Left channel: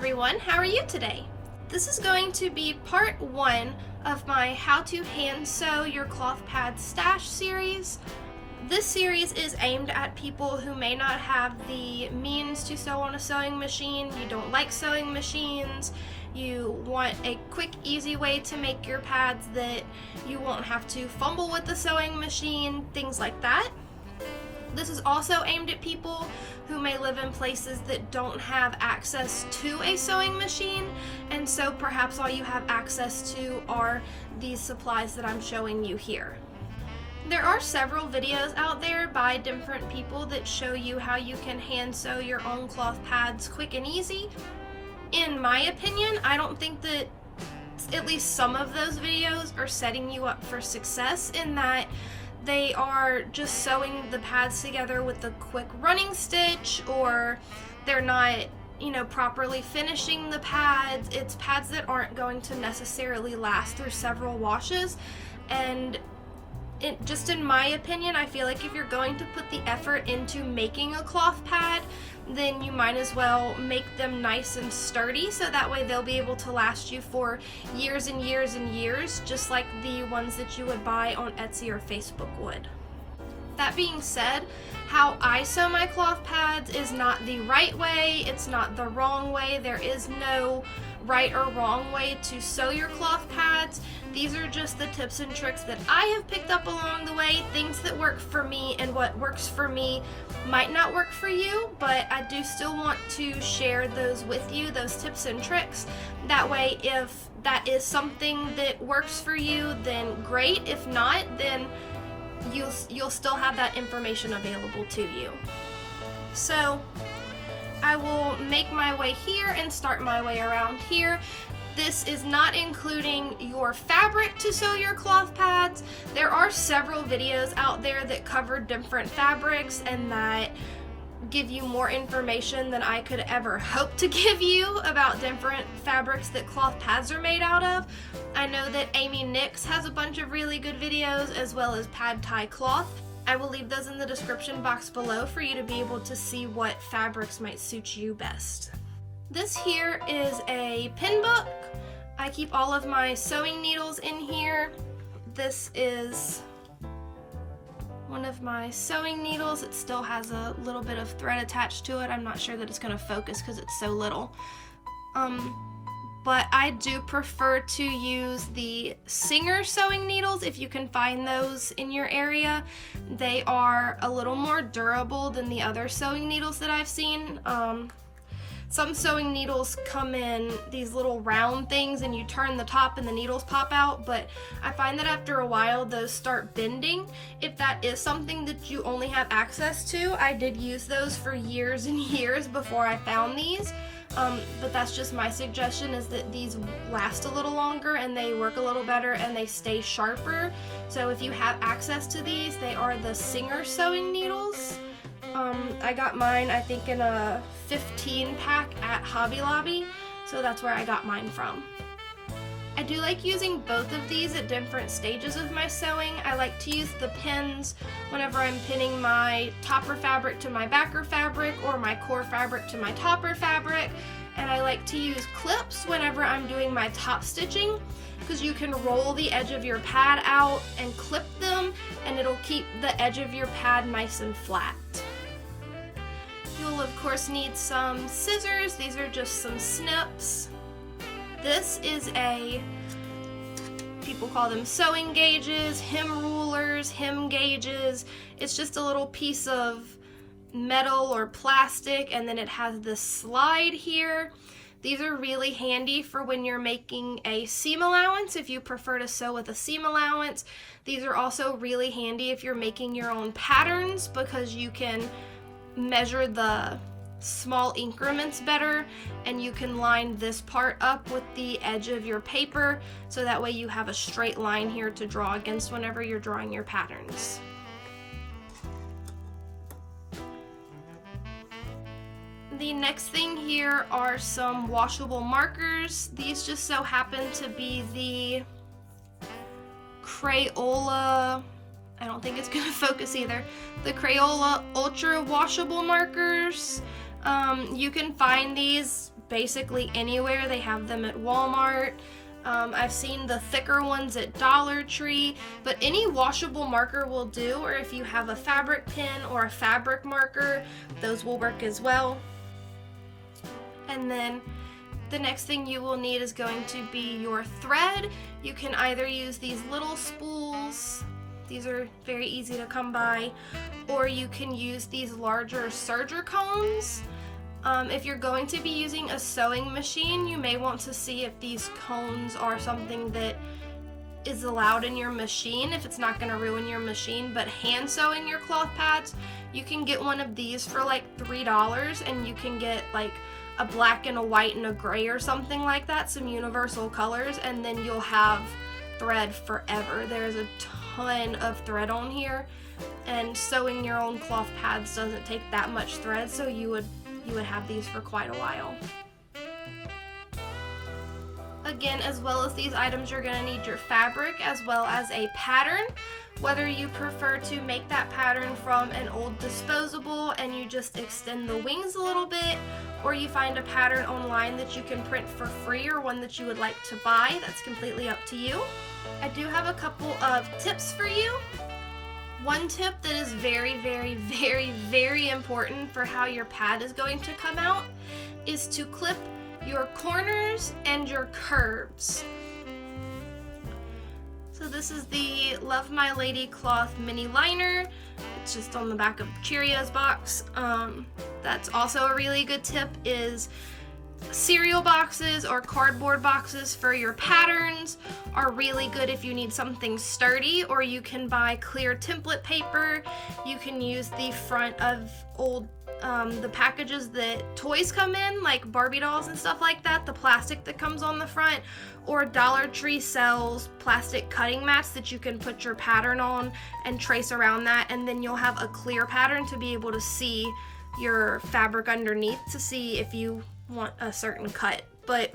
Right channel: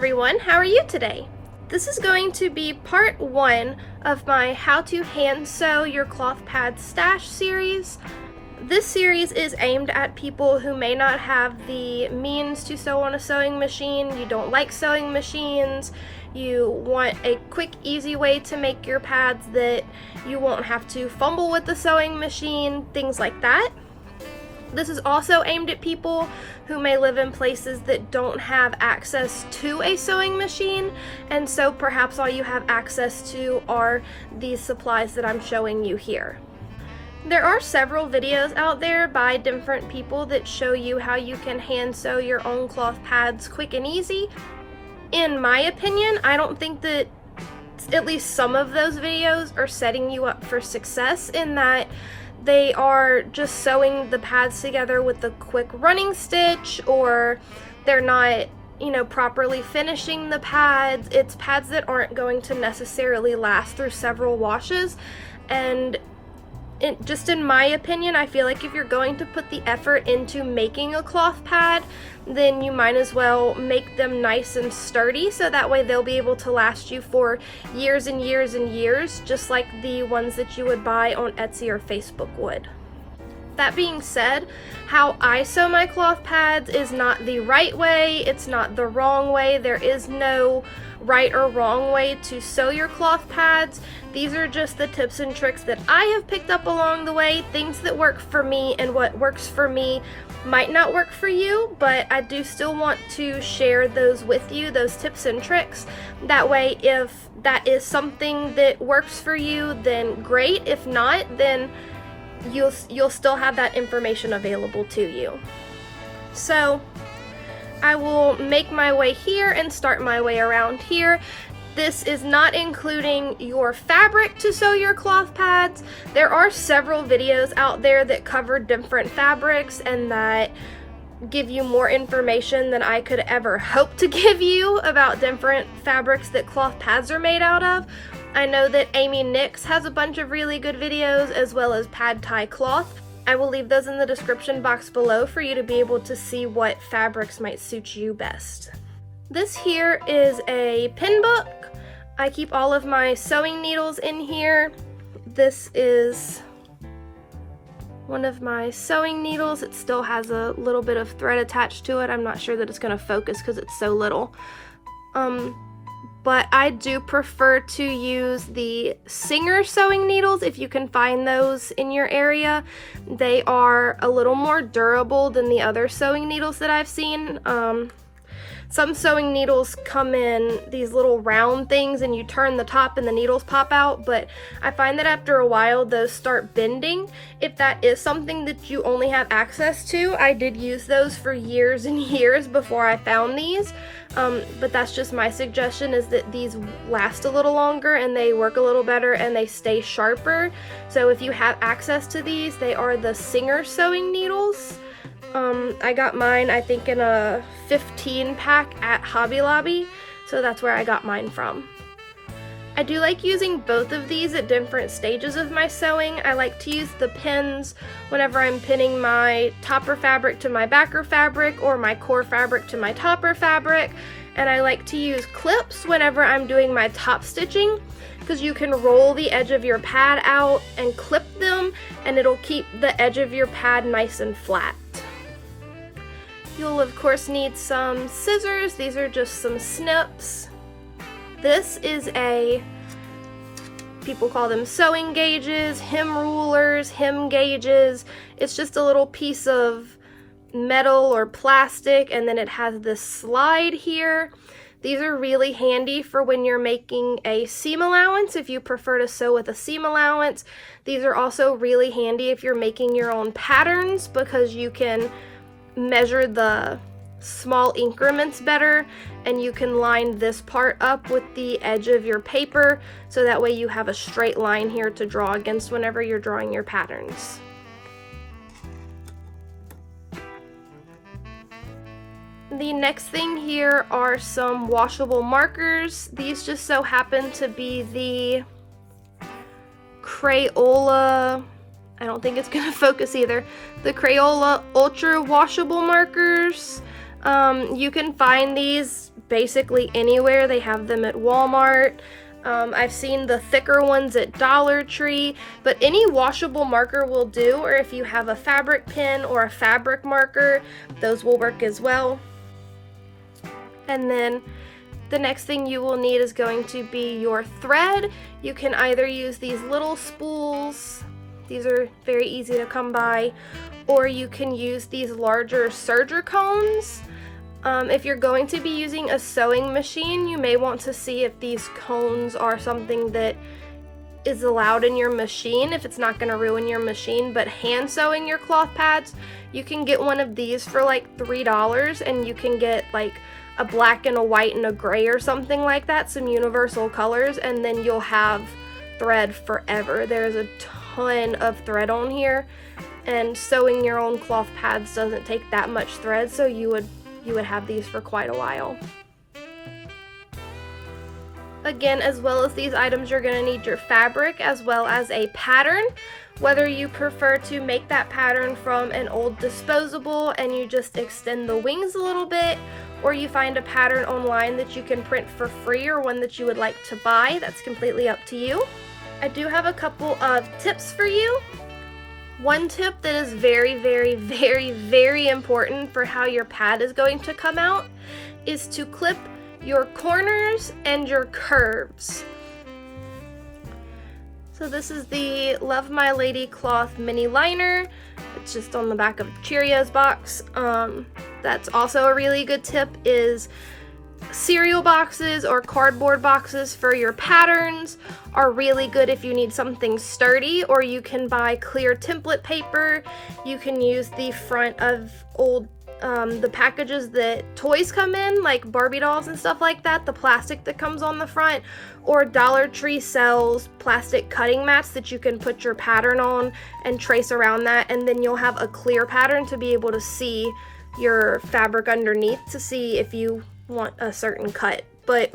everyone, how are you today? This is going to be part 1 of my How to Hand Sew Your Cloth Pad Stash series. This series is aimed at people who may not have the means to sew on a sewing machine, you don't like sewing machines, you want a quick, easy way to make your pads that you won't have to fumble with the sewing machine, things like that. This is also aimed at people who may live in places that don't have access to a sewing machine, and so perhaps all you have access to are these supplies that I'm showing you here. There are several videos out there by different people that show you how you can hand sew your own cloth pads quick and easy. In my opinion, I don't think that at least some of those videos are setting you up for success, in that they are just sewing the pads together with a quick running stitch, or they're not, properly finishing the pads. It's pads that aren't going to necessarily last through several washes, and just in my opinion, I feel like if you're going to put the effort into making a cloth pad, then you might as well make them nice and sturdy, so that way they'll be able to last you for years and years and years, just like the ones that you would buy on Etsy or Facebook would. That being said, how I sew my cloth pads is not the right way, it's not the wrong way. There is no right or wrong way to sew your cloth pads. These are just the tips and tricks that I have picked up along the way, things that work for me, and what works for me might not work for you, but I do still want to share those with you, those tips and tricks. That way, if that is something that works for you, then great. If not, then you'll still have that information available to you. So I will make my way here and start my way around here. This is not including your fabric to sew your cloth pads. There are several videos out there that cover different fabrics and that give you more information than I could ever hope to give you about different fabrics that cloth pads are made out of. I know that Amy Nix has a bunch of really good videos, as well as Pad Thai Cloth. I will leave those in the description box below for you to be able to see what fabrics might suit you best. This here is a pin book. I keep all of my sewing needles in here. This is one of my sewing needles. It still has a little bit of thread attached to it. I'm not sure that it's going to focus because it's so little. But I do prefer to use the Singer sewing needles if you can find those in your area. They are a little more durable than the other sewing needles that I've seen. Some sewing needles come in these little round things and you turn the top and the needles pop out, but I find that after a while those start bending. If that is something that you only have access to, I did use those for years and years before I found these, but that's just my suggestion, is that these last a little longer and they work a little better and they stay sharper. So if you have access to these, they are the Singer sewing needles. I got mine, I think, in a 15 pack at Hobby Lobby, so that's where I got mine from. I do like using both of these at different stages of my sewing. I like to use the pins whenever I'm pinning my topper fabric to my backer fabric, or my core fabric to my topper fabric, and I like to use clips whenever I'm doing my top stitching, because you can roll the edge of your pad out and clip them, and it'll keep the edge of your pad nice and flat. You'll of course need some scissors. These are just some snips. This is people call them sewing gauges, hem rulers, hem gauges. It's just a little piece of metal or plastic, and then it has this slide here. These are really handy for when you're making a seam allowance, if you prefer to sew with a seam allowance. These are also really handy if you're making your own patterns, because you can measure the small increments better, and you can line this part up with the edge of your paper, so that way you have a straight line here to draw against whenever you're drawing your patterns. The next thing here are some washable markers. These just so happen to be the Crayola, I don't think it's gonna focus either, the Crayola Ultra washable markers. You can find these basically anywhere. They have them at Walmart. I've seen the thicker ones at Dollar Tree, but any washable marker will do, or if you have a fabric pen or a fabric marker, those will work as well. And then the next thing you will need is going to be your thread. You can either use these little spools, these are very easy to come by, or you can use these larger serger cones. If you're going to be using a sewing machine, you may want to see if these cones are something that is allowed in your machine, if it's not going to ruin your machine. But hand sewing your cloth pads, you can get one of these for like $3, and you can get like a black and a white and a gray or something like that, some universal colors, and then you'll have thread forever. There's a ton of thread on here, and sewing your own cloth pads doesn't take that much thread, so you would have these for quite a while. Again, as well as these items, you're going to need your fabric as well as a pattern. Whether you prefer to make that pattern from an old disposable and you just extend the wings a little bit, or you find a pattern online that you can print for free, or one that you would like to buy, that's completely up to you. I do have a couple of tips for you. One tip that is very, very, very, very important for how your pad is going to come out is to clip your corners and your curves. So this is the Love My Lady cloth mini liner. It's just on the back of Cheerios box. That's also a really good tip, is cereal boxes or cardboard boxes for your patterns are really good if you need something sturdy, or you can buy clear template paper. You can use the front of old the packages that toys come in, like Barbie dolls and stuff like that, the plastic that comes on the front, or Dollar Tree sells plastic cutting mats that you can put your pattern on and trace around that, and then you'll have a clear pattern to be able to see your fabric underneath to see if you want a certain cut. But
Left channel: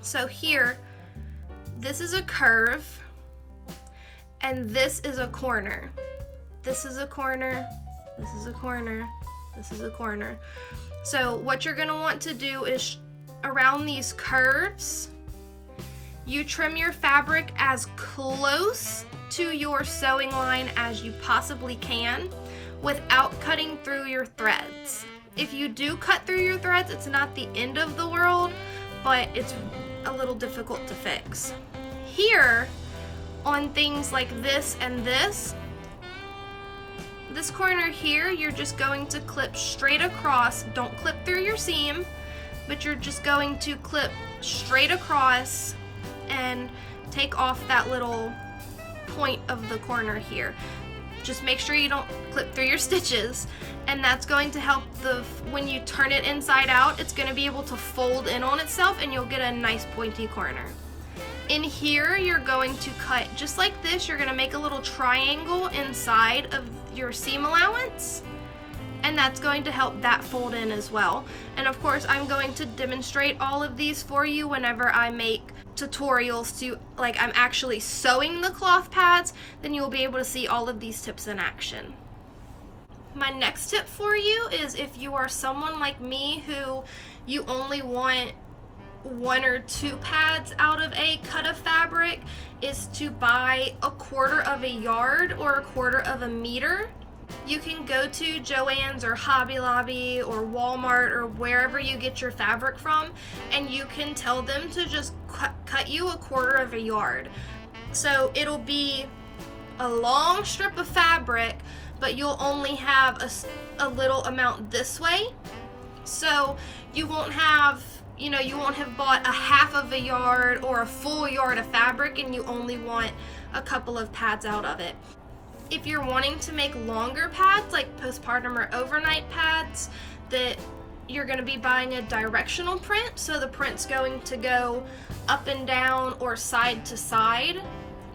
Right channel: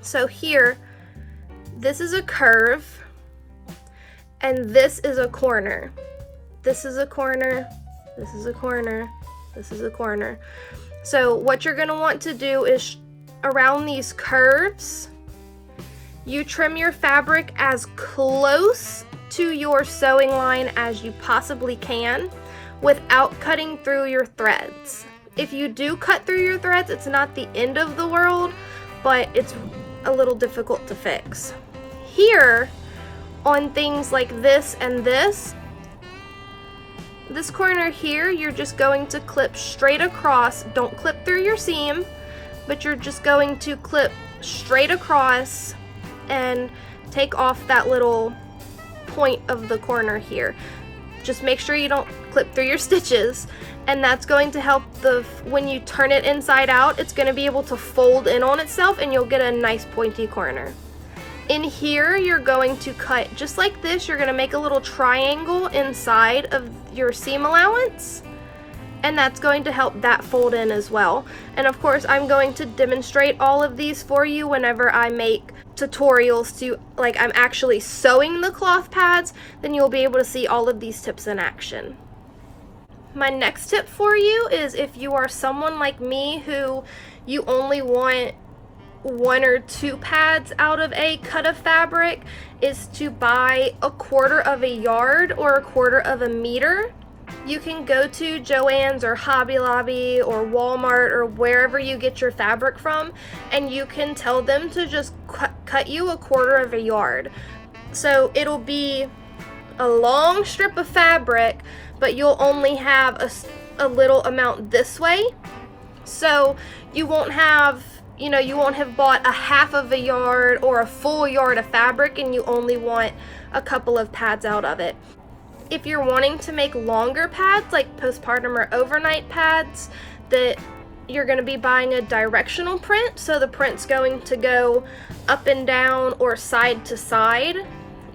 so here, this is a curve and this is a corner. This is a corner, this is a corner, this is a corner. So what you're going to want to do is around these curves, you trim your fabric as close to your sewing line as you possibly can without cutting through your threads. If you do cut through your threads, it's not the end of the world, but it's a little difficult to fix. Here, on things like this and this corner here, you're just going to clip straight across. Don't clip through your seam, but you're just going to clip straight across and take off that little point of the corner here. Just make sure you don't clip through your stitches, and that's going to help when you turn it inside out, it's going to be able to fold in on itself and you'll get a nice pointy corner. In here, you're going to cut just like this. You're going to make a little triangle inside of your seam allowance, and that's going to help that fold in as well. And of course, I'm going to demonstrate all of these for you whenever I make tutorials to, like, I'm actually sewing the cloth pads, then you'll be able to see all of these tips in action. My next tip for you is, if you are someone like me who you only want 1 or 2 pads out of a cut of fabric, is to buy 1/4 of a yard or 1/4 of a meter. You can go to Joann's or Hobby Lobby or Walmart or wherever you get your fabric from, and you can tell them to just cut you 1/4 of a yard. So it'll be a long strip of fabric, but you'll only have a little amount this way. So you won't have, you won't have bought a 1/2 of a yard or a full yard of fabric and you only want a couple of pads out of it. If you're wanting to make longer pads, like postpartum or overnight pads, that you're going to be buying a directional print, so the print's going to go up and down or side to side,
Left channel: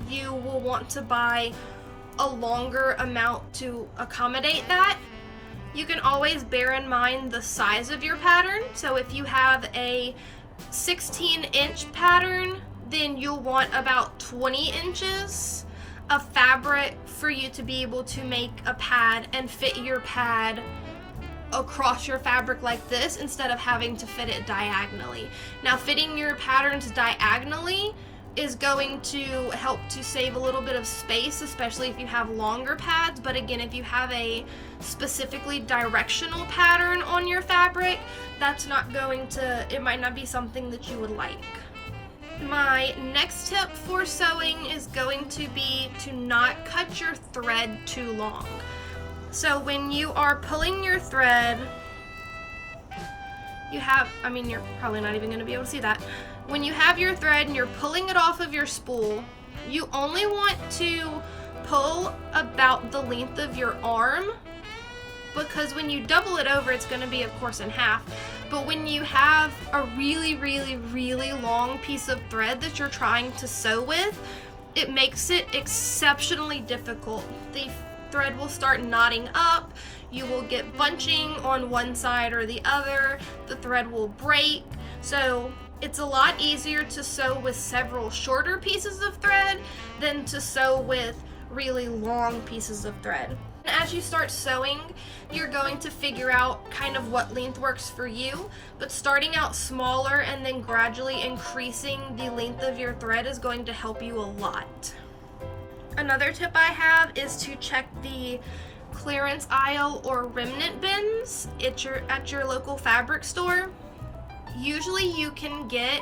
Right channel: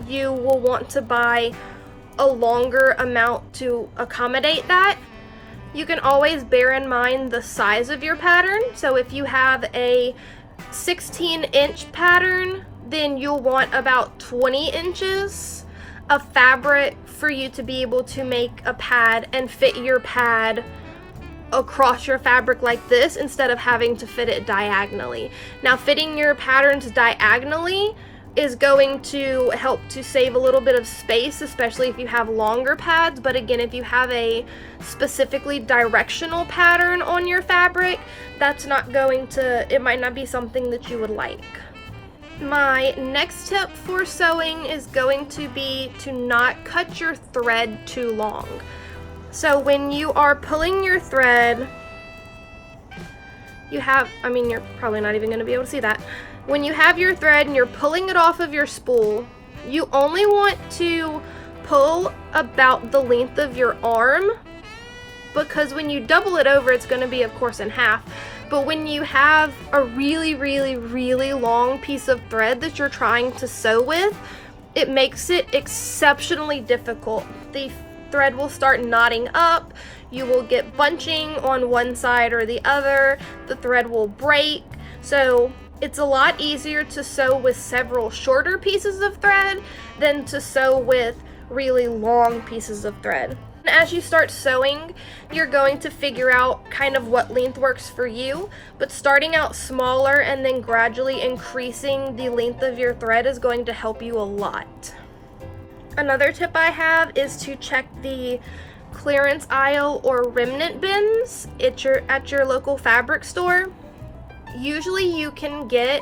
you will want to buy a longer amount to accommodate that. You can always bear in mind the size of your pattern. So if you have a 16-inch pattern, then you'll want about 20 inches of fabric for you to be able to make a pad and fit your pad across your fabric like this instead of having to fit it diagonally. Now, fitting your patterns diagonally is going to help to save a little bit of space, especially if you have longer pads. But again, if you have a specifically directional pattern on your fabric, that's not going to, it might not be something that you would like. My next tip for sewing is going to be to not cut your thread too long. So when you are pulling your thread, you have, I mean, you're probably not even going to be able to see that. When you have your thread and you're pulling it off of your spool, you only want to pull about the length of your arm, because when you double it over, it's going to be, of course, in half. But when you have a really, really, really long piece of thread that you're trying to sew with, it makes it exceptionally difficult. The thread will start knotting up, you will get bunching on one side or the other, the thread will break. So it's a lot easier to sew with several shorter pieces of thread than to sew with really long pieces of thread. As you start sewing, you're going to figure out kind of what length works for you, but starting out smaller and then gradually increasing the length of your thread is going to help you a lot. Another tip I have is to check the clearance aisle or remnant bins at your local fabric store. Usually you can get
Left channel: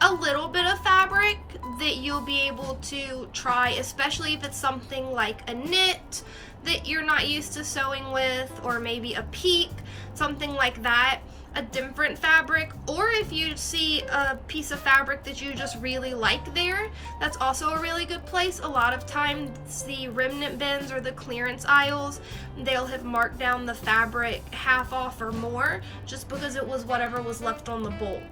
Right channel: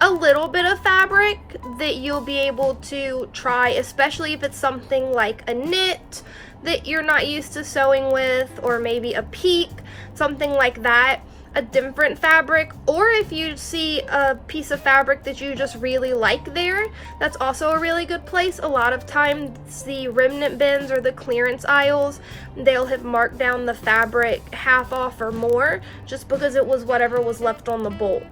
a little bit of fabric that you'll be able to try, especially if it's something like a knit that you're not used to sewing with, or maybe a peak, something like that, a different fabric. Or if you see a piece of fabric that you just really like there, that's also a really good place. A lot of times the remnant bins or the clearance aisles, they'll have marked down the fabric half off or more just because it was whatever was left on the bolt.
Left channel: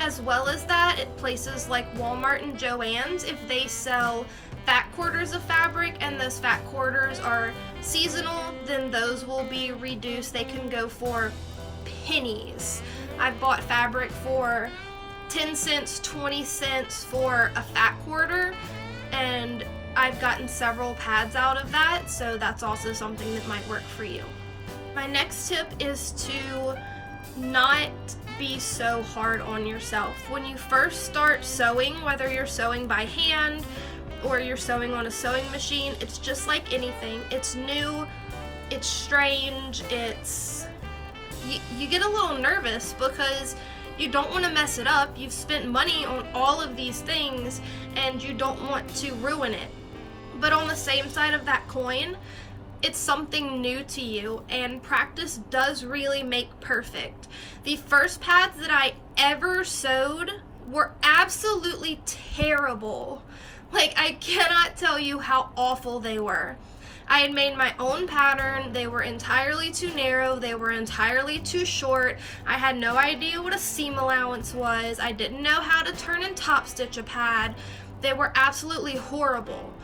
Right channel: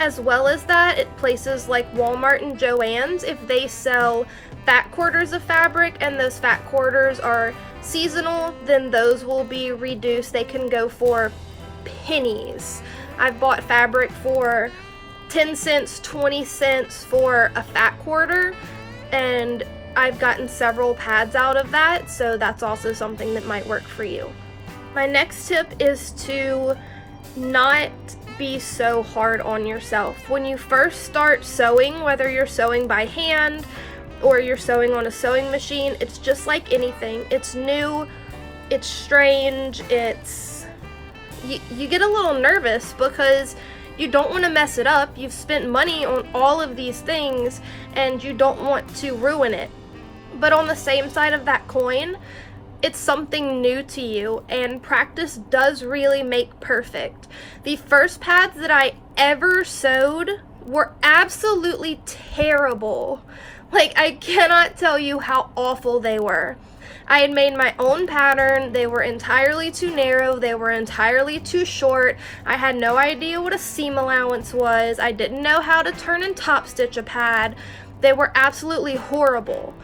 As well as that, at places like Walmart and Joann's, if they sell fat quarters of fabric and those fat quarters are seasonal, then those will be reduced. They can go for pennies. I've bought fabric for 10 cents, 20 cents for a fat quarter, and I've gotten several pads out of that, so that's also something that might work for you. My next tip is to not be so hard on yourself. When you first start sewing, whether you're sewing by hand or you're sewing on a sewing machine, it's just like anything. It's new, it's strange, you get a little nervous because you don't want to mess it up. You've spent money on all of these things and you don't want to ruin it. But on the same side of that coin, it's something new to you, and practice does really make perfect. The first pads that I ever sewed were absolutely terrible. Like, I cannot tell you how awful they were. I had made my own pattern. They were entirely too narrow. They were entirely too short. I had no idea what a seam allowance was. I didn't know how to turn and top stitch a pad. They were absolutely horrible.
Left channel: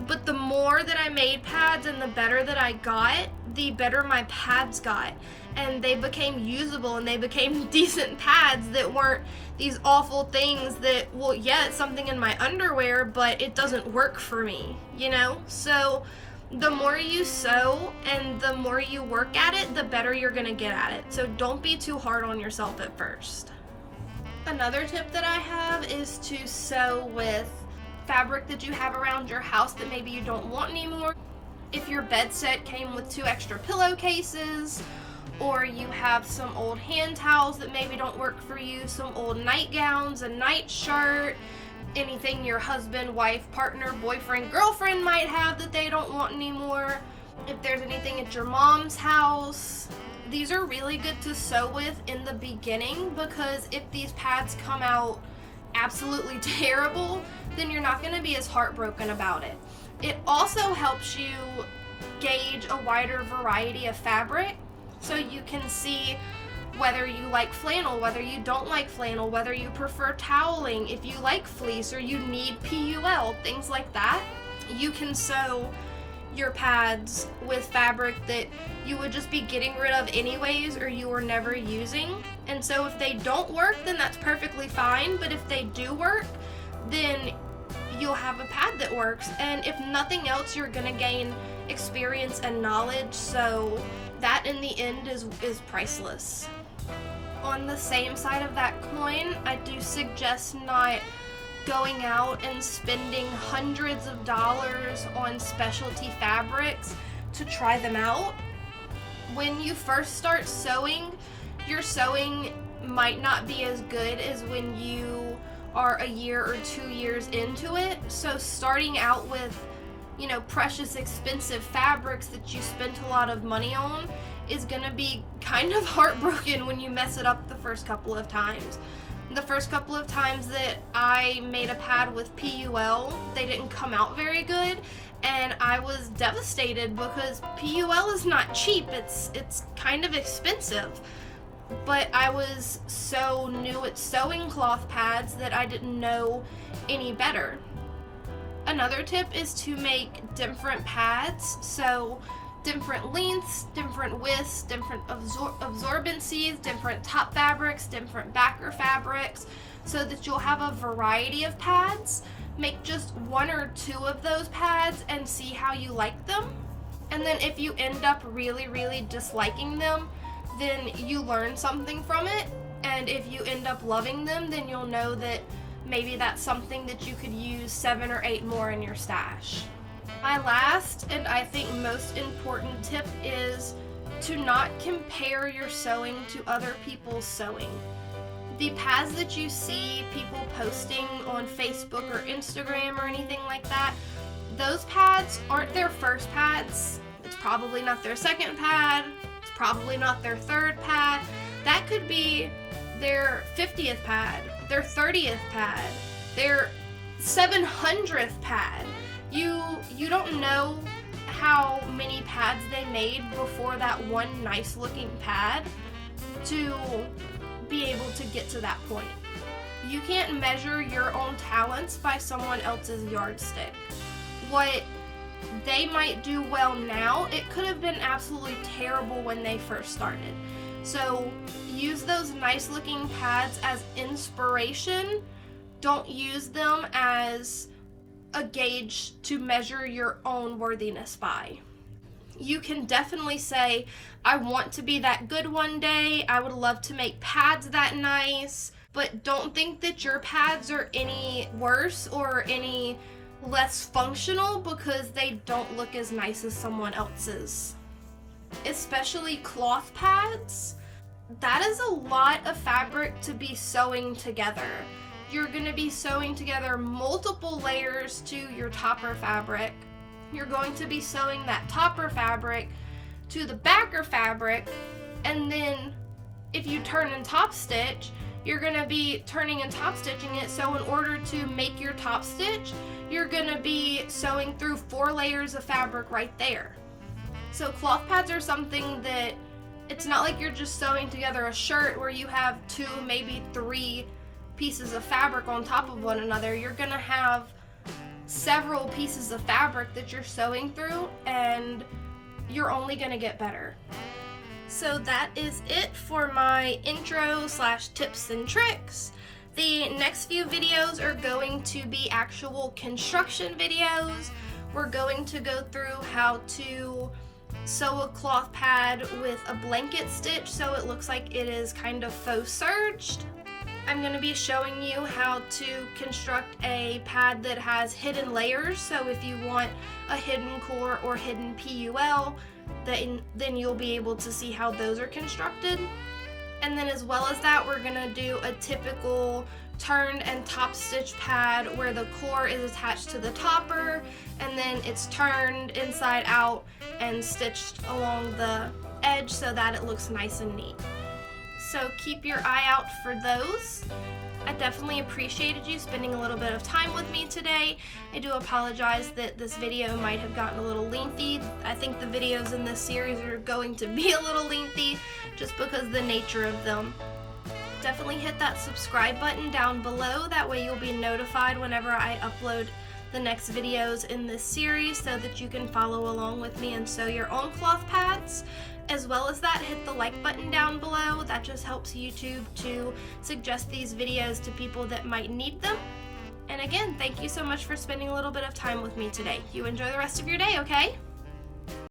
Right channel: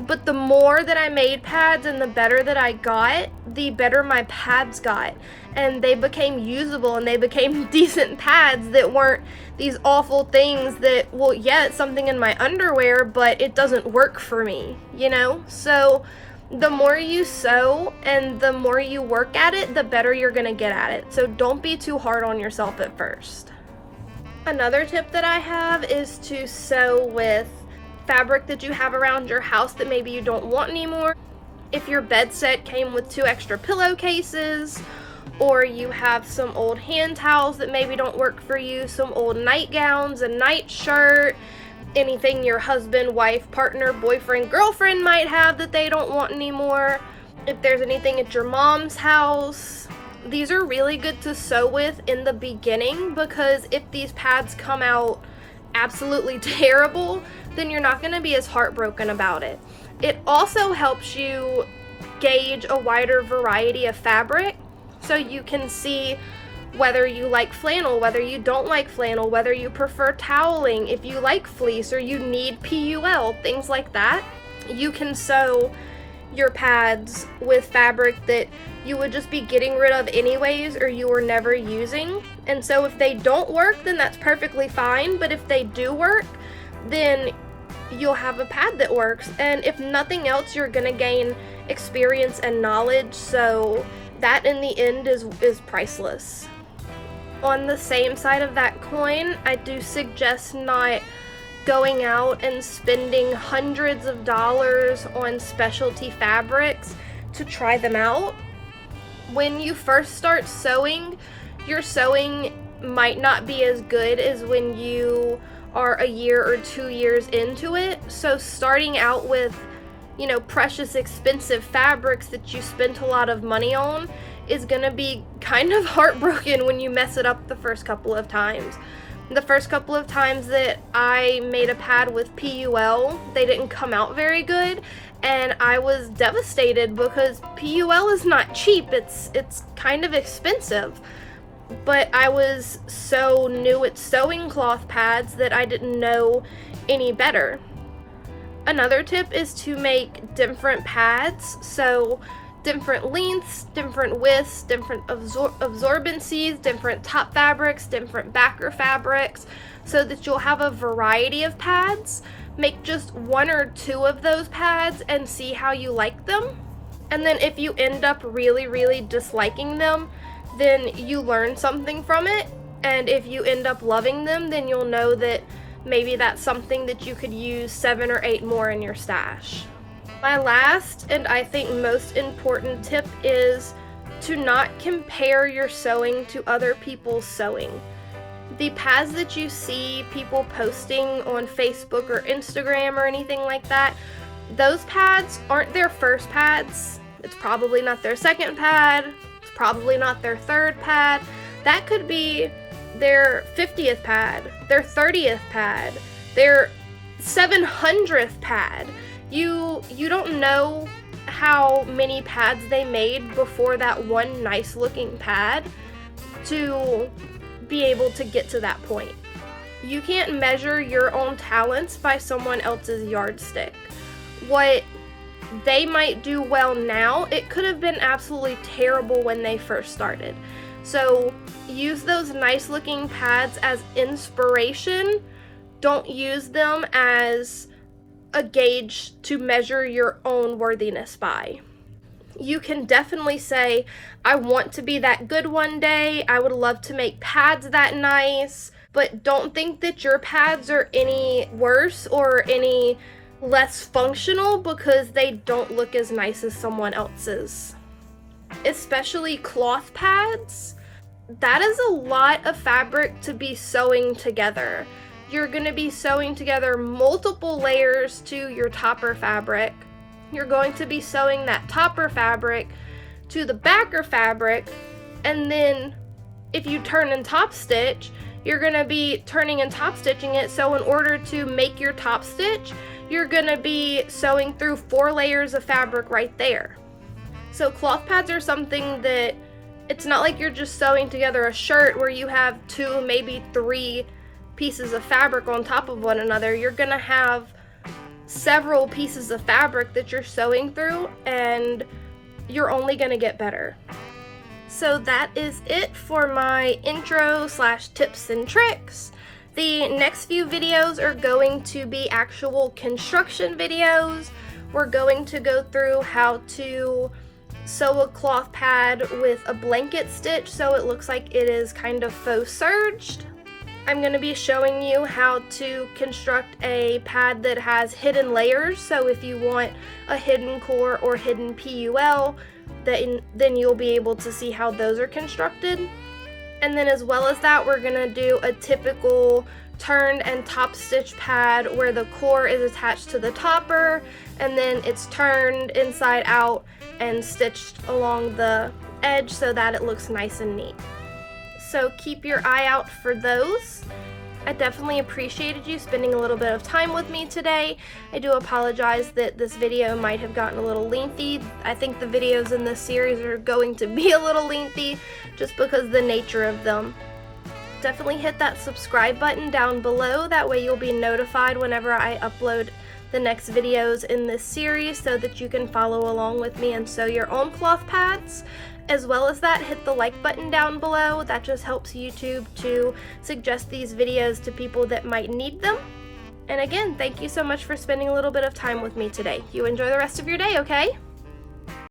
But the more that I made pads and the better that I got, the better my pads got. And they became usable and they became decent pads that weren't these awful things that, well, yeah, it's something in my underwear, but it doesn't work for me, you know? So the more you sew and the more you work at it, the better you're gonna get at it. So don't be too hard on yourself at first. Another tip that I have is to sew with fabric that you have around your house that maybe you don't want anymore. If your bed set came with 2 extra pillowcases, or you have some old hand towels that maybe don't work for you, some old nightgowns, a nightshirt, anything your husband, wife, partner, boyfriend, girlfriend might have that they don't want anymore. If there's anything at your mom's house, these are really good to sew with in the beginning, because if these pads come out absolutely terrible, then you're not going to be as heartbroken about it. It also helps you gauge a wider variety of fabric, so you can see whether you like flannel, whether you don't like flannel, whether you prefer toweling, if you like fleece or you need PUL, things like that. You can sew your pads with fabric that you would just be getting rid of anyways or you were never using. And so if they don't work, then that's perfectly fine, but if they do work, then you'll have a pad that works. And if nothing else, you're gonna gain experience and knowledge, so that in the end is priceless. On the same side of that coin, I do suggest not going out and spending hundreds of dollars on specialty fabrics to try them out. When you first start sewing, your sewing might not be as good as when you are a year or 2 years into it. So starting out with, precious expensive fabrics that you spent a lot of money on is gonna be kind of heartbroken when you mess it up the first couple of times. The first couple of times that I made a pad with PUL, they didn't come out very good, and I was devastated because PUL is not cheap. It's kind of expensive. But I was so new at sewing cloth pads that I didn't know any better. Another tip is to make different pads, so different lengths, different widths, different absorbencies, different top fabrics, different backer fabrics, so that you'll have a variety of pads. Make just 1 or 2 of those pads and see how you like them. And then if you end up really, really disliking them, then you learn something from it. And if you end up loving them, then you'll know that maybe that's something that you could use 7 or 8 more in your stash. My last and I think most important tip is to not compare your sewing to other people's sewing. The pads that you see people posting on Facebook or Instagram or anything like that, those pads aren't their first pads. It's probably not their second pad. It's probably not their third pad. That could be their 50th pad, their 30th pad, their 700th pad. You don't know how many pads they made before that one nice looking pad to be able to get to that point. You can't measure your own talents by someone else's yardstick. What they might do well now, it could have been absolutely terrible when they first started. So use those nice looking pads as inspiration. Don't use them as a gauge to measure your own worthiness by. You can definitely say, I want to be that good one day. I would love to make pads that nice, but don't think that your pads are any worse or any less functional because they don't look as nice as someone else's. Especially cloth pads, that is a lot of fabric to be sewing together. You're going to be sewing together multiple layers to your topper fabric. You're going to be sewing that topper fabric to the backer fabric, and then if you turn and top stitch, you're going to be turning and top stitching it. So in order to make your top stitch, you're going to be sewing through 4 layers of fabric right there. So cloth pads are something that it's not like you're just sewing together a shirt where you have 2, maybe 3 pieces of fabric on top of one another. You're gonna have several pieces of fabric that you're sewing through, and you're only gonna get better. So that is it for my intro / tips and tricks. The next few videos are going to be actual construction videos. We're going to go through how to sew a cloth pad with a blanket stitch so it looks like it is kind of faux serged. I'm going to be showing you how to construct a pad that has hidden layers, so if you want a hidden core or hidden PUL, then you'll be able to see how those are constructed. And then as well as that, we're going to do a typical turned and top stitch pad where the core is attached to the topper and then it's turned inside out and stitched along the edge so that it looks nice and neat. So keep your eye out for those. I definitely appreciated you spending a little bit of time with me today. I do apologize that this video might have gotten a little lengthy. I think the videos in this series are going to be a little lengthy just because of the nature of them. Definitely hit that subscribe button down below. That way you'll be notified whenever I upload the next videos in this series so that you can follow along with me and sew your own cloth pads. As well as that, hit the like button down below. That just helps YouTube to suggest these videos to people that might need them. And again, thank you so much for spending a little bit of time with me today. You enjoy the rest of your day, okay?